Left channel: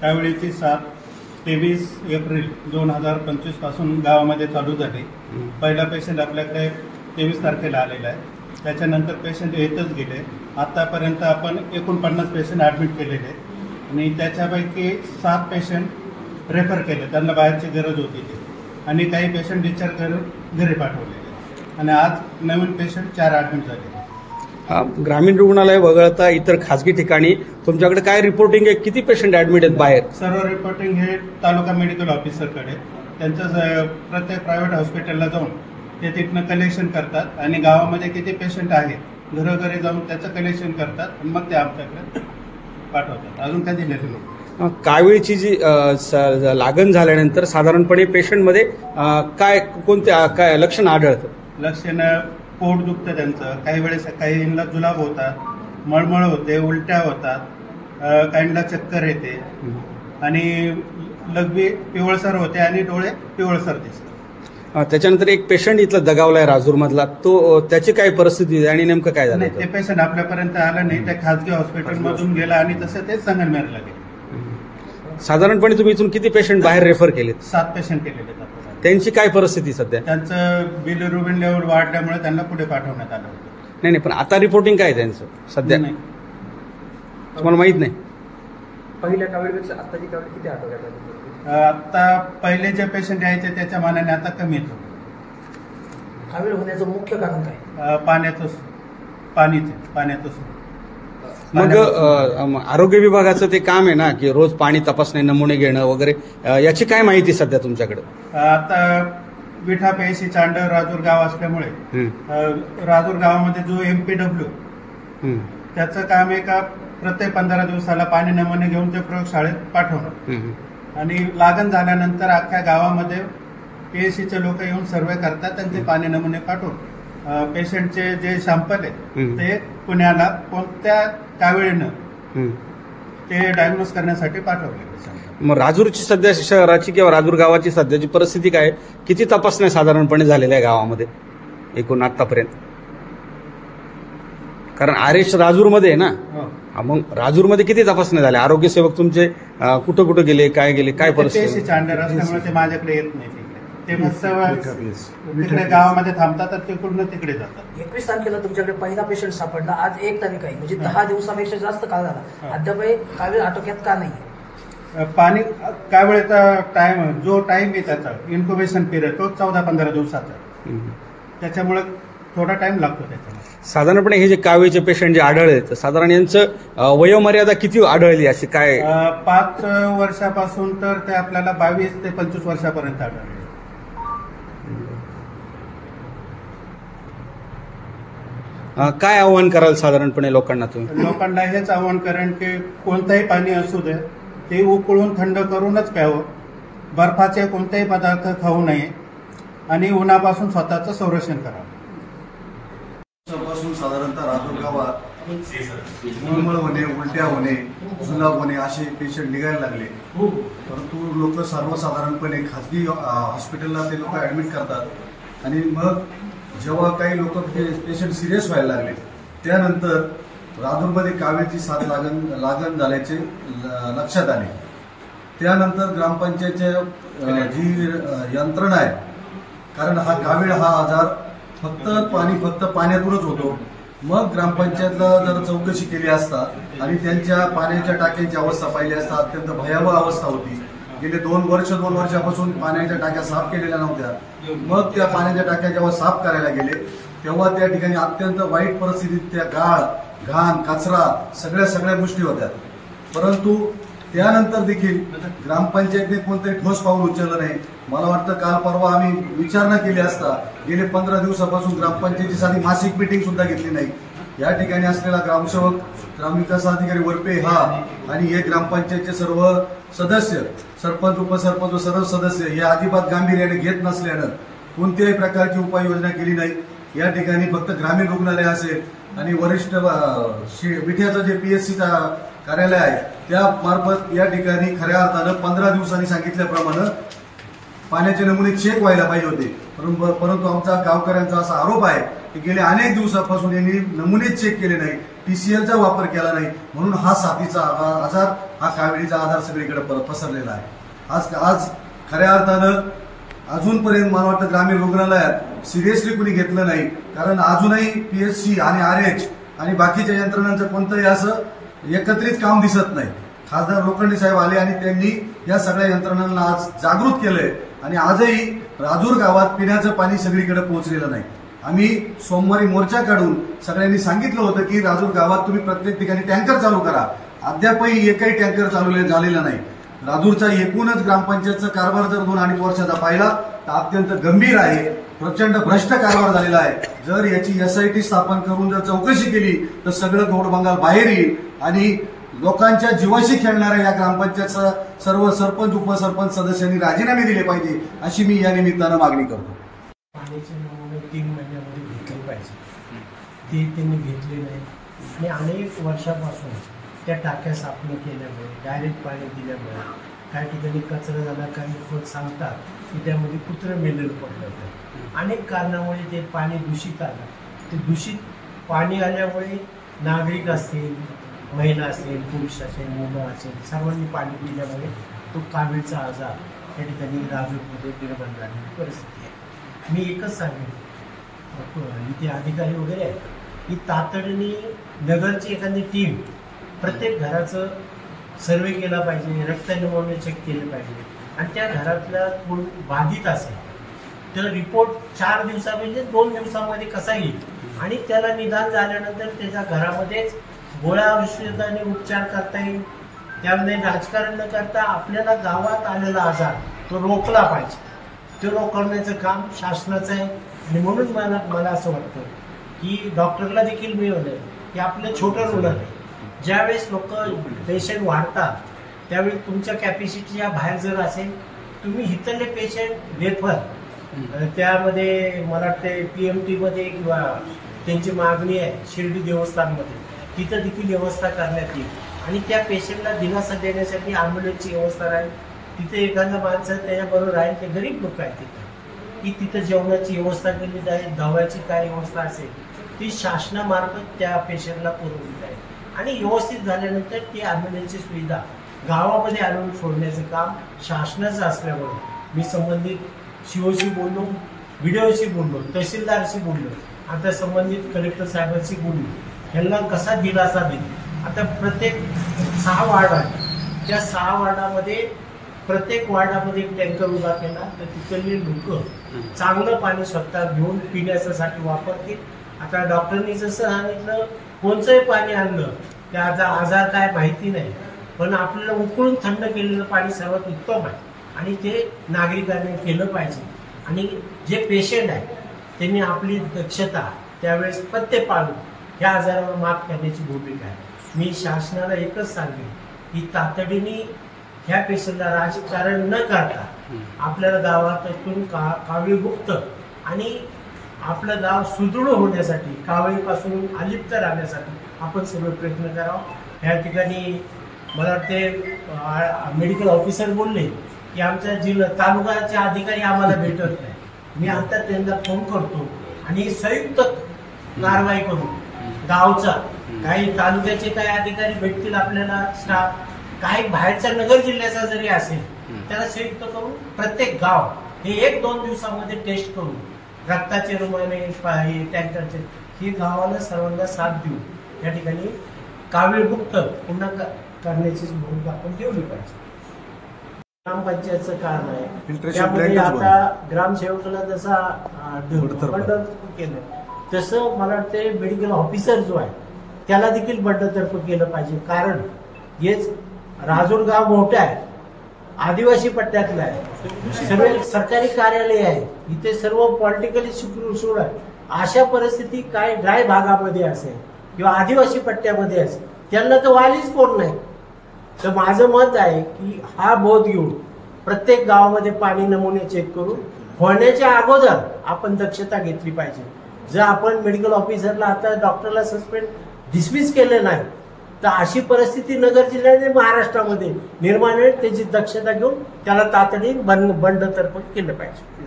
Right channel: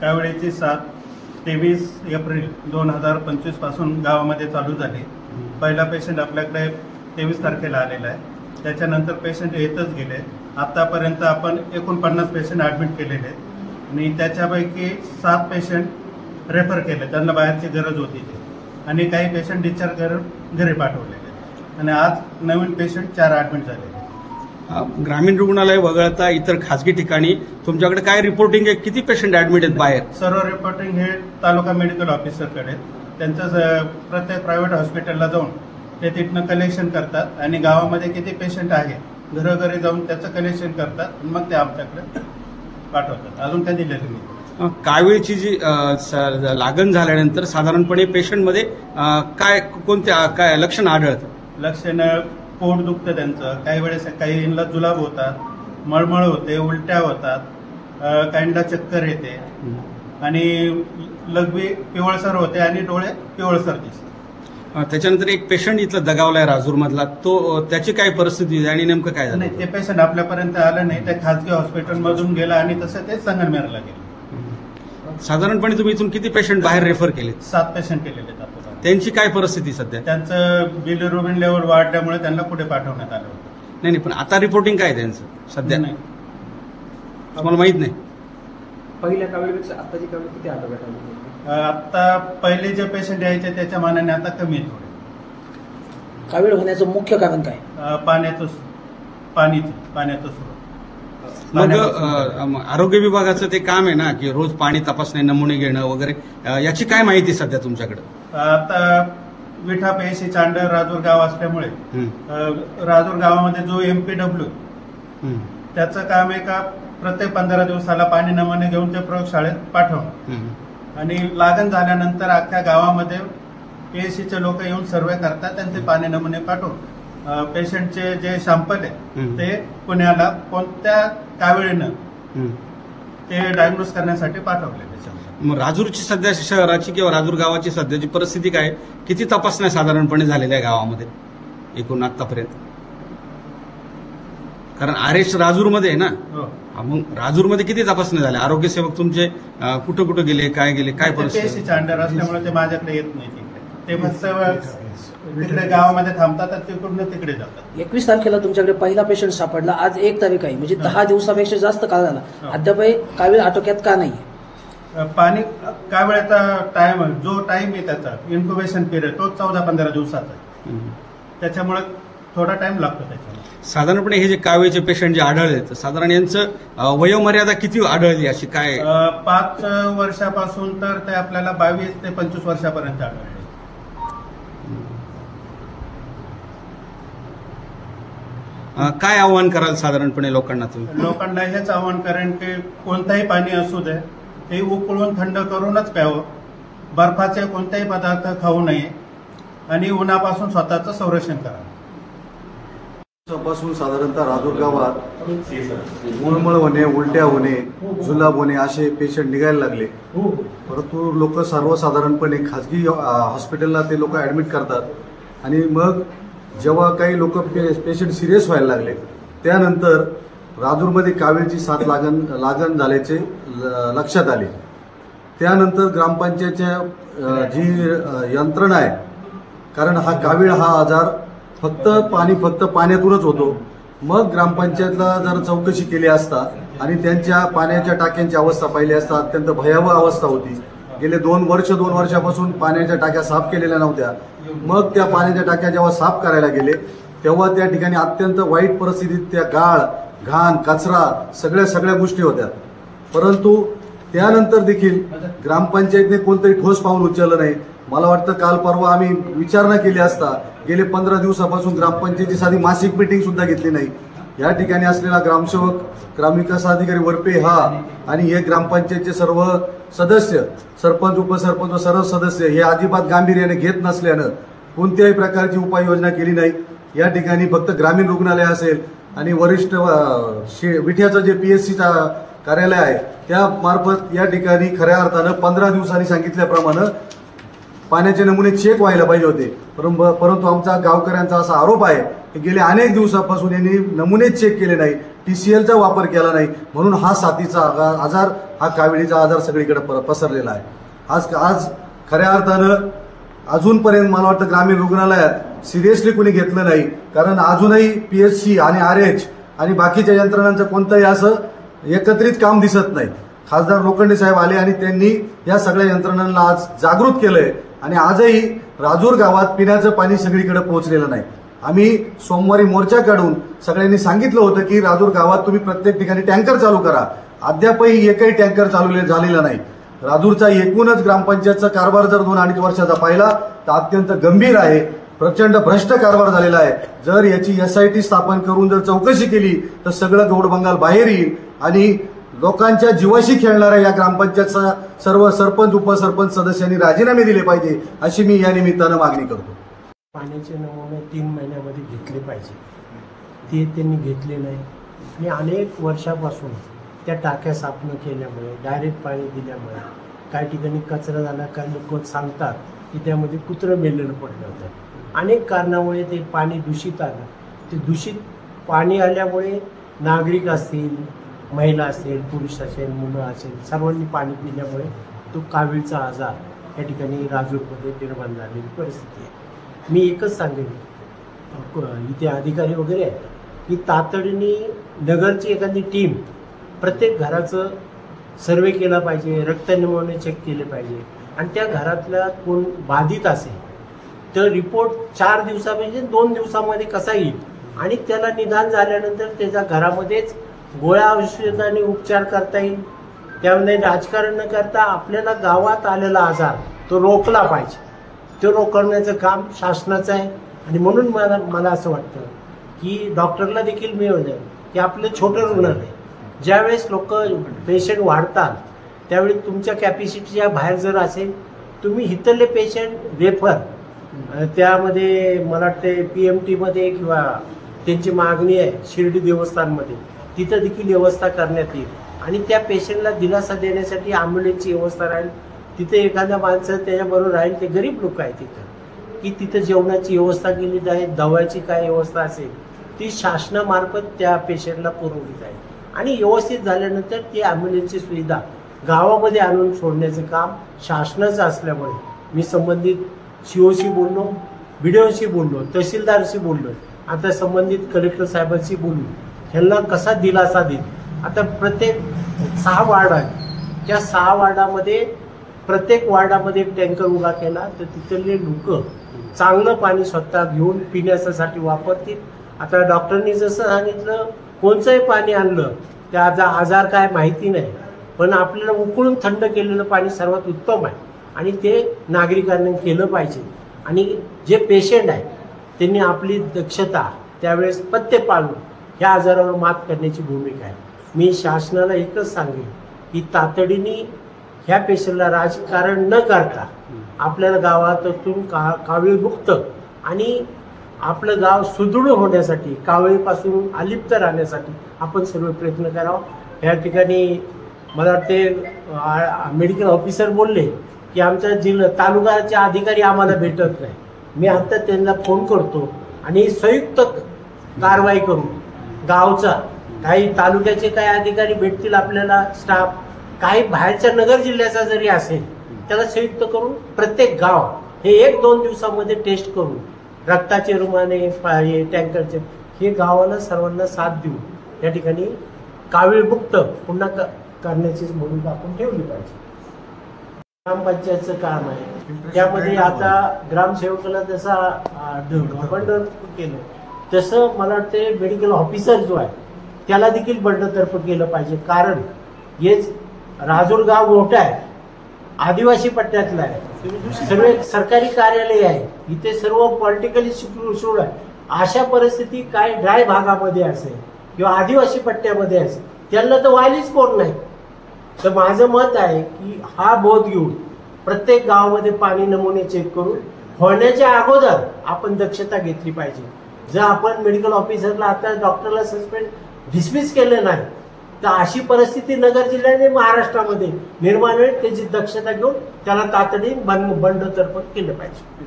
त्यावेळीची साथ 23 एप्रिल 2025 पासून गावामध्ये चालू झाली। पहिला पेशंट आपल्याकडे 23 तारखेला आलेला आहे। त्याच्यानंतर पेशंट येतच गेले। आतापर्यंत आपण 49 पेशंट ॲडमिट केलेले आहेत आणि त्याच्यापैकी 7 पेशंट रेफर केले, त्यांना बाहेरची गरज होती ते, आणि काही पेशंट डिस्चार्ज करून घरी पाठवलेले आणि आज नवीन पेशंट 4 ॲडमिट झाले। ग्रामीण रुग्णालय वगळता इतर खासगी ठिकाणी तुमच्याकडे काय रिपोर्टिंग आहे? किती पेशंट ॲडमिट आहेत बाहेर? सर्व रिपोर्टिंग हे तालुका मेडिकल ऑफिसरकडे, त्यांचं प्रत्येक प्रायव्हेट हॉस्पिटलला जाऊन ते तिथनं कलेक्शन करतात आणि गावामध्ये किती पेशंट आहेत घरोघरी जाऊन त्याचं कलेक्शन करतात आणि मग ते आमच्याकडे पाठवतात। अजून काय दिलेलं नाही। कावीळची जी लागण झाल्यानंतर साधारणपणे पेशंटमध्ये काय लक्षण आढळतं? लक्षण पोट दुखतं त्यांचं, काही वेळेस काहींना जुलाब होतात, मळमळ होते, उलट्या होतात, काहींना चक्कर येते आणि लघवी पिवळसर होते आणि डोळे पिवळसर दिसतात। त्याच्यानंतर एक पेशंट इथला दगावलाय राजूर मधला, तो त्याची काय परिस्थिती आहे आणि नेमकं काय झालं? ते पेशंट आपल्यापर्यंत आलं नाही, त्या खासगी हॉस्पिटलमधून गेला आणि तसं ते संगमनेरला गेले। साधारणपणे तुम्ही इथून किती पेशंट बाहेर रेफर केलेत? 7 पेशंट केलेले आहेत। त्यांची काय परिस्थिती सध्या? त्यांचं बिलिरुबिन लेवल वाढल्यामुळे त्यांना पुढे पाठवण्यात आलं होतं। नाही, पण आता रिपोर्टिंग काय त्यांचं सध्या? नाही, तुम्हाला माहित नाही? पहिल्या कावीळपेक्षा आताची कावीळ किती आढळतात? आता पहिले जे पेशंट यायचे त्याच्या मानाने आता कमी येतो। कावीळ होण्याचं मुख्य कारण काय? पाण्याचं स्रोत। मग आरोग्य विभागाचं ते काम आहे ना की रोज पाणी तपासणे, नमुने घेणं वगैरे, याची काय माहिती सध्या तुमच्याकडे? आता विठा पेशी चांडर राजूर गाव असल्यामुळे राजूर गावामध्ये जो MPW त्याचं काम आहे का प्रत्येक 15 दिवसाला पाणी नमुने घेऊन ते प्रयोगशाळेत पाठवणं आणि लागण झाल्यानंतर अख्ख्या गावामध्ये PSCचे लोक येऊन सर्वे करतात आणि ते पाणी नमुने पाठवून पेशंटचे जे सॅम्पल आहे ते पुण्याला कोणत्या कावीळीनं ते डायग्नोज करण्यासाठी पाठवले। मग राजूरची सध्या शहराची किंवा राजूर गावाची सध्याची परिस्थिती काय? किती तपासण्या साधारणपणे झालेल्या आहे गावामध्ये एकूण आतापर्यंत? कारण आरेश राजूरमध्ये आहे ना, मग राजूरमध्ये किती तपासण्या झाल्या? आरोग्य सेवक तुमचे कुठं कुठं गेले, काय गेले, काय परिस्थिती? चांडर असल्यामुळे ते माझ्याकडे येत नाही, ते मस्त तिकडे गावामध्ये थांबतात, तिकडून तिकडे जातात। 21 तारखेला तुमच्याकडे पहिला पेशंट सापडला, आज 1 तारीख आहे, म्हणजे 10 दिवसापेक्षा जास्त काळ झाला, अद्यापही कावीळ आटोक्यात का नाही? पाणी कावीळचा टाइम, जो टाइम आहे त्याचा इन्क्युबेशन पिरियड तो 14-15 दिवसाचा आहे, त्याच्यामुळे थोडा टाइम लागतो त्याच्यामध्ये। साधारणपणे हे जे कावीळचे पेशंट जे आढळले, साधारण यांचं वयोमर्यादा किती आढळली अशी काय? 5 वर्षापासून तर ते आपल्याला 22 ते 25 वर्षापर्यंत आढळले। काय आव्हान कराल साधारणपणे लोकांना तुम्ही? लोकांना हेच आव्हान करेन की कोणताही पाणी असू दे ते उकळून थंड करूनच प्यावं, बर्फाचे कोणतेही पदार्थ खाऊ नये आणि उन्हापासून स्वतःचं संरक्षण करावं। पासून साधारणतः राजूर गावात मळमळ होणे, उलट्या होणे, जुलाब होणे असे पेशंट निघायला लागले, परंतु लोक सर्वसाधारणपणे खाजगी हॉस्पिटलला ते लोक ऍडमिट करतात आणि मग जेव्हा काही लोक पेशंट सिरियस व्हायला लागले त्यानंतर राजूरमध्ये कावीळची साथ लागण झाल्याचे लक्षात आले। त्यानंतर ग्रामपंचायतच्या जी यंत्रणा आहे, कारण हा कावीळ हा आजार फक्त पाण्यातूनच होतो, मग ग्रामपंचायतला जर चौकशी केली असता आणि त्यांच्या पाण्याच्या टाक्यांची अवस्था पाहिली असता अत्यंत भयावह अवस्था होती। गेले 2 वर्षापासून पाण्याच्या टाक्या साफ केलेल्या नव्हत्या, मग त्या पाण्याच्या टाक्या जेव्हा साफ करायला गेले तेव्हा त्या ठिकाणी अत्यंत वाईट परिस्थितीत त्या गाळ, घाण, कचरा सगळ्या गोष्टी होत्या, परंतु त्यानंतर देखील ग्रामपंचायतने कोणतंही ठोस पाऊल उचललं नाही। मला वाटतं काल परवा आम्ही विचारणा केली असता गेले 15 दिवसापासून ग्रामपंचायतीची साधी मासिक मीटिंग सुद्धा घेतली नाही। या ठिकाणी असलेला ग्रामसेवक, ग्रामविकास अधिकारी वरपे हा आणि हे ग्रामपंचायतचे सर्व सदस्य, सरपंच, उपसरपंच व सर्व सदस्य हे अजिबात गांभीर्याने घेत नसल्यानं कोणत्याही प्रकारची उपाययोजना केली नाही। या ठिकाणी फक्त ग्रामीण रुग्णालय असेल आणि वरिष्ठ विठ्याचं जे PSCचा कार्यालय आहे त्या मार्फत या ठिकाणी खऱ्या अर्थानं 15 दिवसांनी सांगितल्याप्रमाणे पाण्याचे नमुने चेक व्हायला पाहिजे होते, परंतु आमचा गावकऱ्यांचा असा आरोप आहे की गेल्या अनेक दिवसापासून यांनी नमुनेच चेक केले नाही, TCLचा वापर केला नाही, म्हणून हा साथीचा आजार हा काविळीचा आजार सगळीकडे पसरलेला आहे. आज खऱ्या अर्थानं अजूनपर्यंत मला वाटतं ग्रामीण रुग्णालयात सिरियसली कुणी घेतलं नाही, कारण अजूनही PHC आणि RH आणि बाकीच्या यंत्रणांचं कोणतंही असं एकत्रित काम दिसत नाही. खासदार लोखंडे साहेब आले आणि त्यांनी या सगळ्या यंत्रणांना आज जागृत केलंय आणि आजही राजूर गावात पिण्याचं पाणी सगळीकडे पोहोचलेलं नाही. आम्ही सोमवारी मोर्चा काढून सगळ्यांनी सांगितलं होतं की राजूर गावात तुम्ही प्रत्येक ठिकाणी टँकर चालू करा. अद्यापही एकही टँकर चालू झालेला नाही. राजूरचा एकूणच ग्रामपंचायतचा कारभार जर 2-2.5 वर्षाचा पाहिला तर अत्यंत गंभीर आहे. प्रचंड भ्रष्ट कारभार झालेला आहे. जर याची SIT स्थापन करून जर चौकशी केली तर सगळं गौडबंगाल बाहेर येईल आणि लोकांच्या जीवाशी खेळणाऱ्या या ग्रामपंचायतचा सर्व सरपंच उपसरपंच सदस्यांनी राजीनामे दिले पाहिजे अशी मी या निमित्तानं मागणी करतो. पाण्याचे नमुने 3 महिन्यामध्ये घेतले पाहिजे, ते त्यांनी घेतले नाही आणि अनेक वर्षापासून त्या टाक्या साफ न केल्यामुळे, डायरेक्ट पाणी दिल्यामुळे काही ठिकाणी कचरा झाला. काही लोक सांगतात की त्यामध्ये कुत्रं मेलेलं पडलं होतं. अनेक कारणामुळे ते पाणी दूषित आलं. ते दूषित पाणी आल्यामुळे नागरिक असतील, महिला असेल, पुरुष असेल, मुलं असेल, सर्वांनी पाणी पिल्यामुळे तो कावीळचा आजार या ठिकाणी राजूरमध्ये निर्माण झालेली परिस्थिती आहे. मी एकच सांगेन, इथे अधिकारी वगैरे आहे की तातडीने नगरची एखादी टीम प्रत्येक घराचं सर्वे केला पाहिजे, रक्त नमुने चेक केले पाहिजे आणि त्या घरातल्या कोण बाधित असेल तर रिपोर्ट 4 दिवसा म्हणजे 2 दिवसामध्ये कसा येईल आणि त्याला निदान झाल्यानंतर त्याच्या घरामध्येच गोळ्या औषधाने उपचार करता येईल. त्यामध्ये राजकारण न करता आपल्याला गावात आलेला आजार तो रोखला पाहिजे. ते रोखण्याचं काम शासनाचं आहे आणि म्हणून मला असं वाटतं की डॉक्टरला देखील मिळवलंय की आपलं छोटं रुग्णालय ज्यावेळेस लोक पेशंट वाढतात त्यावेळी तुमच्या कॅपॅसिटीच्या बाहेर जर असेल तुम्ही इथले पेशंट रेफर त्यामध्ये मला वाटते PMT मध्ये किंवा त्यांची मागणी आहे शिर्डी देवस्थानमध्ये तिथं देखील व्यवस्था करण्यात येईल आणि त्या पेशंटला दिलासा देण्यासाठी अँब्युलन्सची व्यवस्था राहील. तिथे एखादा माणसं त्याच्याबरोबर राहील, ते गरीब लोक आहेत तिथं की तिथं जेवणाची व्यवस्था केली जाईल, दवाची काय व्यवस्था असेल ती शासनामार्फत त्या पेशंटला पुरवली जाईल आणि व्यवस्थित झाल्यानंतर ती अँब्युलन्सची सुविधा गावामध्ये आणून सोडण्याचं काम शासनाचं असल्यामुळे मी संबंधित COशी बोललो, BDOशी बोललो, तहसीलदारशी बोललो, आता संबंधित कलेक्टर साहेबांशी बोललो. ह्यांना कसा दिलासा देईल. आता प्रत्येक 6 वार्ड आहे, त्या 6 वार्डामध्ये प्रत्येक वार्डामध्ये एक टँकर उभा केला तर तिथले लोक चांगलं पाणी स्वतः घेऊन पिण्यासाठी वापरतील. आता डॉक्टरनी जसं सांगितलं कोणचंही पाणी आणलं त्याचा आजार काय माहिती नाही, पण आपल्याला उकळून थंड केलेलं पाणी सर्वात उत्तम आहे आणि ते नागरिकांनी केलं पाहिजे. आणि जे पेशंट आहेत त्यांनी आपली दक्षता त्यावेळेस पथ्य पाळून ह्या आजारावर मात करण्याची भूमिका आहे. मी शासनाला एकच सांगेन की तातडीने ह्या पेशंटला राजकारण न करता आपल्याला गावातून कावीळमुक्त आणि आपलं गाव सुदृढ होण्यासाठी, कावळीपासून अलिप्त राहण्यासाठी आपण सर्व प्रयत्न करावं. या ठिकाणी मला वाटते मेडिकल ऑफिसर बोलले की आमच्या जिल्हा तालुक्याचे अधिकारी आम्हाला भेटत नाही. मी आता त्यांना फोन करतो आणि संयुक्त कारवाई करू. गावचा काही तालुक्याचे काही अधिकारी भेटतील आपल्याला, स्टाफ काही बाहेरच्या नगर जिल्ह्याचा जरी असेल त्याला संयुक्त करून प्रत्येक गाव हे 1-2 दिवसामध्ये टेस्ट करून रक्ताचे रुमाने टँकरचे हे गावाला सर्वांना साथ देऊ या ठिकाणी कावीळमुक्त पुन्हा करण्याची भूमिका आपण ठेवली पाहिजे. ग्रामपंचायतचं काम आहे त्यामध्ये आता ग्रामसेवकाला जसा बंडतर्फ केलं तसं मला वाटते मेडिकल ऑफिसर जो आहे त्याला देखील बंडतर्फ केलं पाहिजे. कारण हेच राजूर गाव मोठं आहे, आदिवासी पट्ट्यातलं आहे, सर्व सरकारी कार्यालय आहे, इथे सर्व पॉलिटिकली सुरूळ आहे. अशा परिस्थिती काय ड्राय भागामध्ये असेल किंवा आदिवासी पट्ट्यामध्ये असेल त्यांना तर वालीच कोण नाही. तर माझं मत आहे की हा बोध घेऊन प्रत्येक गावामध्ये पाणी नमुने चेक करून होण्याच्या अगोदर आपण दक्षता घेतली पाहिजे. जर आपण मेडिकल ऑफिसरला आता डॉक्टरला सस्पेंड डिसमिस केलं नाही तर अशी परिस्थिती नगर जिल्ह्याने महाराष्ट्रामध्ये निर्माण होईल. त्याची दक्षता घेऊन त्याला तातडीने बंडतर्फ केलं पाहिजे.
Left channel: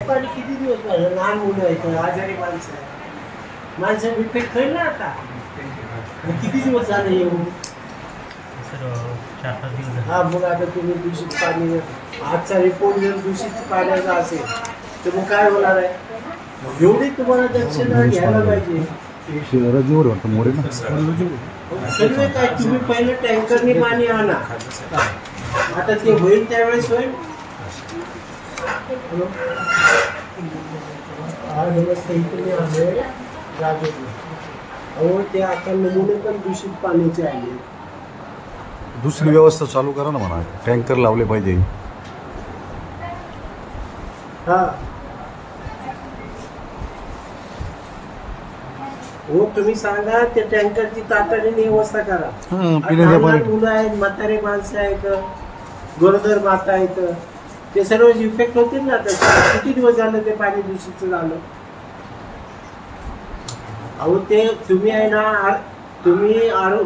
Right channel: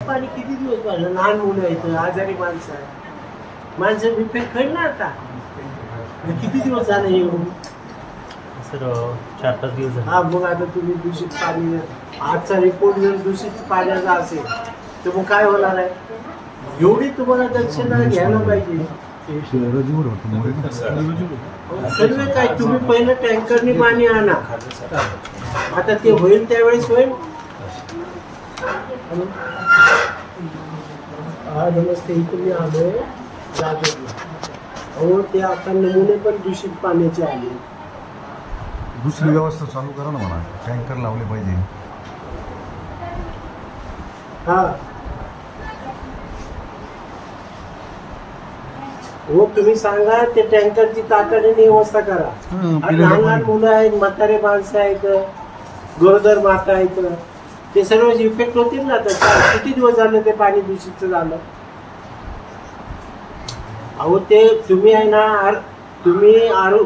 पाणी किती दिवस झालं, लहान मुलं आहेत, आजारी माणसं आहे, माणसं इफेक्ट होईल ना. आता किती दिवस झालं येऊन 4-5 दिवस हा, मग आता तुम्ही दूषित पाणी, आजचा रिपोर्ट जर दूषित पाण्याचा असेल तर मग काय होणार आहे? एवढी तुम्हाला दक्षता घ्यायला पाहिजे. सर्व काय, तुम्ही पहिलं टँकरनी पाणी आणा, आता ते होईल त्यावेळेस होईल. हा नमस्ते, इथे मी आलोय राजूरला. अहो ते आता नमुने पण दूषित पाण्याचे आले. दुसरी व्यवस्था चालू करा ना म्हणून, टँकर लावले पाहिजे. हा हो, तुम्ही सांगा ते टँकरची तातडीने व्यवस्था करा. लहान लहान मुलं आहेत, म्हातारे माणसं आहेत, गरोदर माता आहेत, ते सर्व इफेक्ट होतील ना. तर किती दिवस झालं ते पाणी दूषित झालं? अहो ते तुम्ही आहे ना, तुम्ही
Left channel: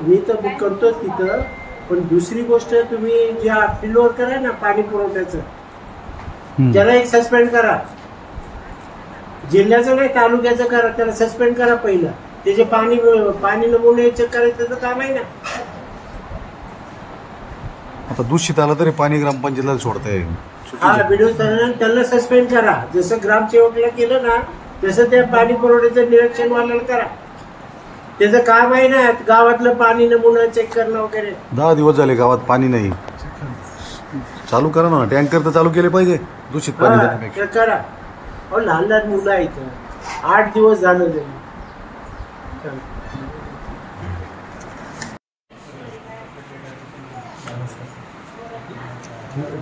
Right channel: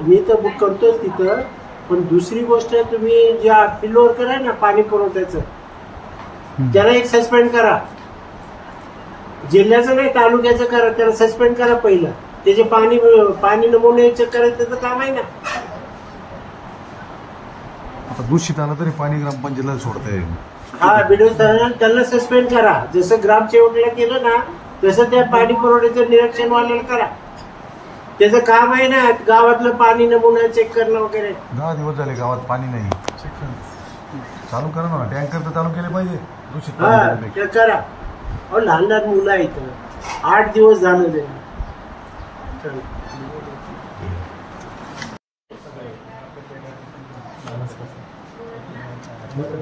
मी तर बुक करतोच तिथं, पण दुसरी गोष्ट तुम्ही ज्या फिल्डवर करा ना पाणी पुरवठ्याचं, त्याला एक सस्पेंड करा. जिल्ह्याचं नाही, तालुक्याचं करा, त्याला सस्पेंड करा. पहिलं त्याचे पाणी नमुने चेक करायचं त्याचं काम आहे ना. आता दूषित आलं तरी पाणी ग्रामपंचायतीला सोडताय. हा, व्हिडिओ त्यांना सस्पेंड करा. जसं ग्रामसेवकला केलं ना तसं त्या पाणी पुरवठ्याचं निरीक्षण वाल्याला करा. त्याचं काम आहे ना गावातलं पाणी नमुना चेक करणं वगैरे. 10 दिवस झाले गावात पाणी नाही. चालू करा ना, टँकर तर चालू केले पाहिजे दूषित पाणी. ते करा. अहो लहान लहान मुलं आहेत, 8 दिवस झालं ते.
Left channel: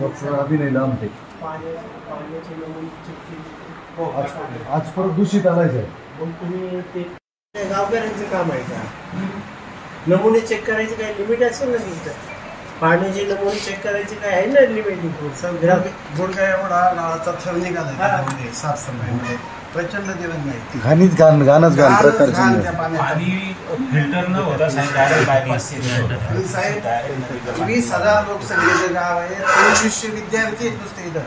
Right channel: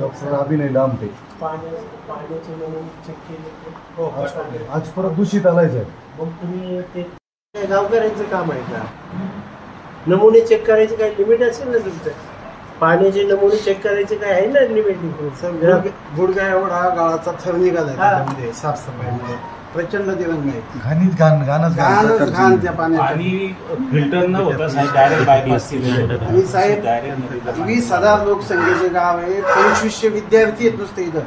डॉक्टर अभिनय लांबते. पाण्याचे नमुने चेक केले आज परत दूषित आलायचं. मग तुम्ही ते गावकऱ्यांचं काम आहे का? नमुने चेक करायचे काही लिमिट असेल ना तुमचं? पाण्याचे नमुने चेक करायचे काय आहे ना लिमिट? गुडघा एवढा गावाचा थर निघाला साफसफाईमध्ये प्रचंड दिवस नाही. घाणीच घाण, घाणच घाण त्या पाणी फिल्टर न होता डायरेक्ट बायपास. आणि साहेब 20,000 लोकसंख्येचं गाव आहे, 2500 विद्यार्थी आहेत नुसते इथं.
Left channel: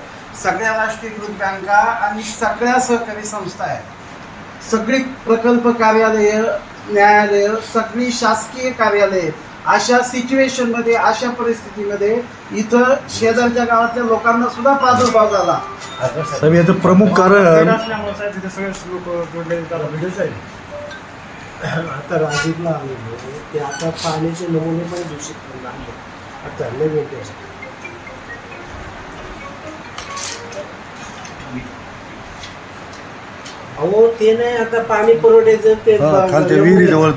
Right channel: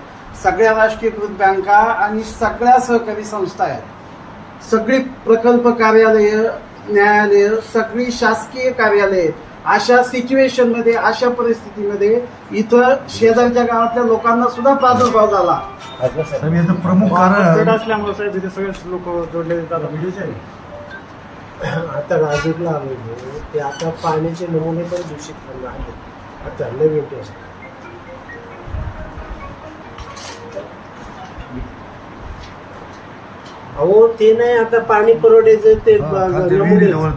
सगळ्या राष्ट्रीयकृत बँका आणि सगळ्या सहकारी संस्था आहेत. सगळी प्रकल्प कार्यालय, न्यायालय, सगळी शासकीय कार्यालय. अशा सिच्युएशन मध्ये, अशा परिस्थितीमध्ये इथं शेजारच्या गावातल्या लोकांना सुद्धा प्रादुर्भाव झाला. प्रमुख कारण आता राजूरला आले ते, आता पाण्याचे नमुने पण दूषित करून आले. आता नवीन टेस्ट. अहो ते नाही, आता पाणी पुरवठ्याचं ते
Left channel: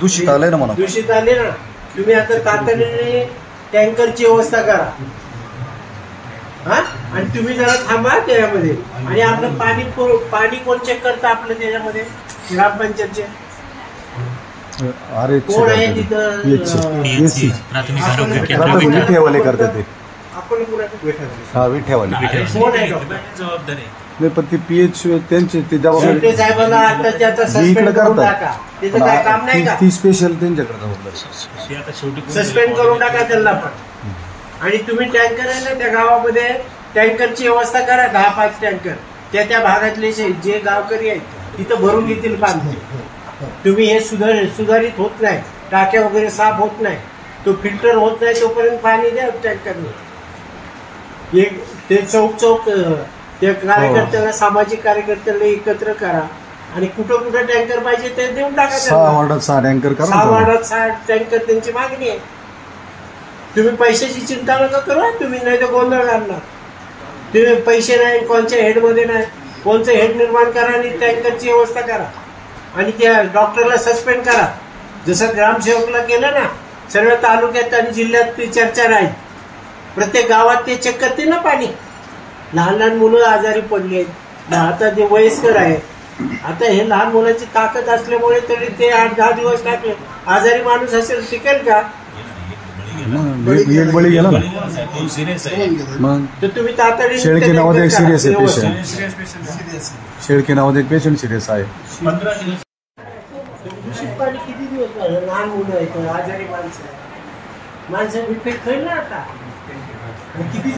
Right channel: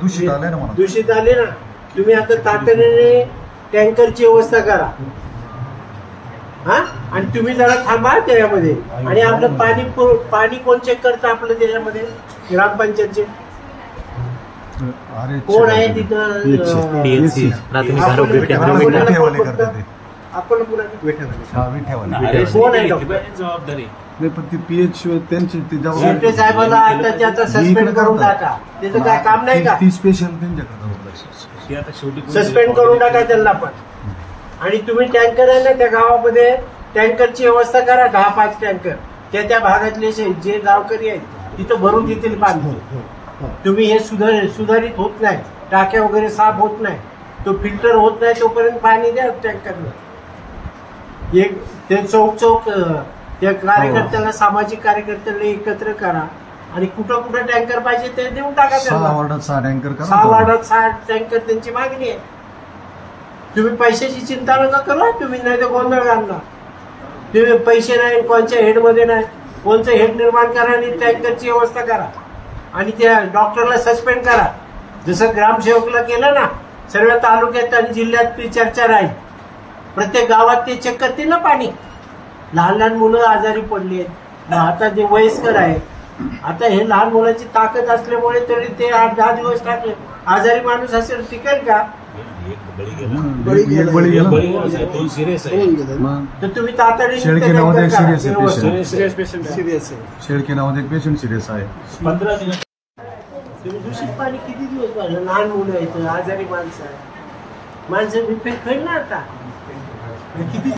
दूषित आलंय ना म्हणा. दूषित आले ना. तुम्ही आता तातडीने टँकरची व्यवस्था करा. हा, आणि तुम्ही जरा थांबा त्याच्यामध्ये. आणि आपलं पाणी कोण चेक करतं आपलं त्याच्यामध्ये? ग्रामपंचायतचे कोण आहे तिथं? प्राथमिक आरोग्य केंद्र करतात. आपण विठ्यावाले कोण आहे? जबाबदारी पीएच त्यांचे ते शेट्टे साहेबांना आता त्याचा सस्पेंड करून टाका. त्याचं काय काम नाही का? ती स्पेशल त्यांच्याकडे सस्पेंड करून टाका त्यांना पण. आणि तुम्ही टँकर आहे ना त्या गावामध्ये, टँकरची व्यवस्था करा. 10-5 टँकर त्या भागातले जे गावकरी आहेत तिथं भरून देतील पाणी. तुम्ही हे सुधारित होत नाही, टाक्या वगैरे साफ होत नाही, तो फिल्टर होत नाही, तोपर्यंत पाणी द्या टँकरने. ते चौक त्या कार्यकर्त्याला, सामाजिक कार्यकर्त्याला एकत्र करा आणि कुठं कुठं टँकर पाहिजे ते देऊन टाका. 6 वार्डात 6 टँकर करा. 6 वार्डात 6 टँकर त्यांची मागणी आहे. तुम्ही पैशाची चिंता नका करू. तुम्ही नाही तर गोंधळ घालणार. तुम्ही पैसे नाही, कोणच्या हेडमध्ये नाही, कोणचं हेड निर्माण करा आणि टँकरची व्यवस्था करा. आणि त्या डॉक्टरला सस्पेंड करा. जसं ग्रामसेवकला केलं ना, सर्व तालुक्यात आणि जिल्ह्यात ती चर्चा राहील. प्रत्येक गावात ते चेक करतील ना पाणी. लहान लहान मुलं आजारी पडले आहेत, आता जे वयस्कर आहेत. आता हे लहान मुलांची ताकद असल्यामुळे तरी ते 8-10 दिवस टाकले. आजारी माणूस असेल टिकेल का? तर तुम्ही तातडीने शेळके नावाचे पेशंट सिरियस आहे. 15 दिवस. दूषित पाणी किती दिवस झालं? लहान मुलं आहेत, आजारी माणसं इफेक्ट होईल ना आता. किती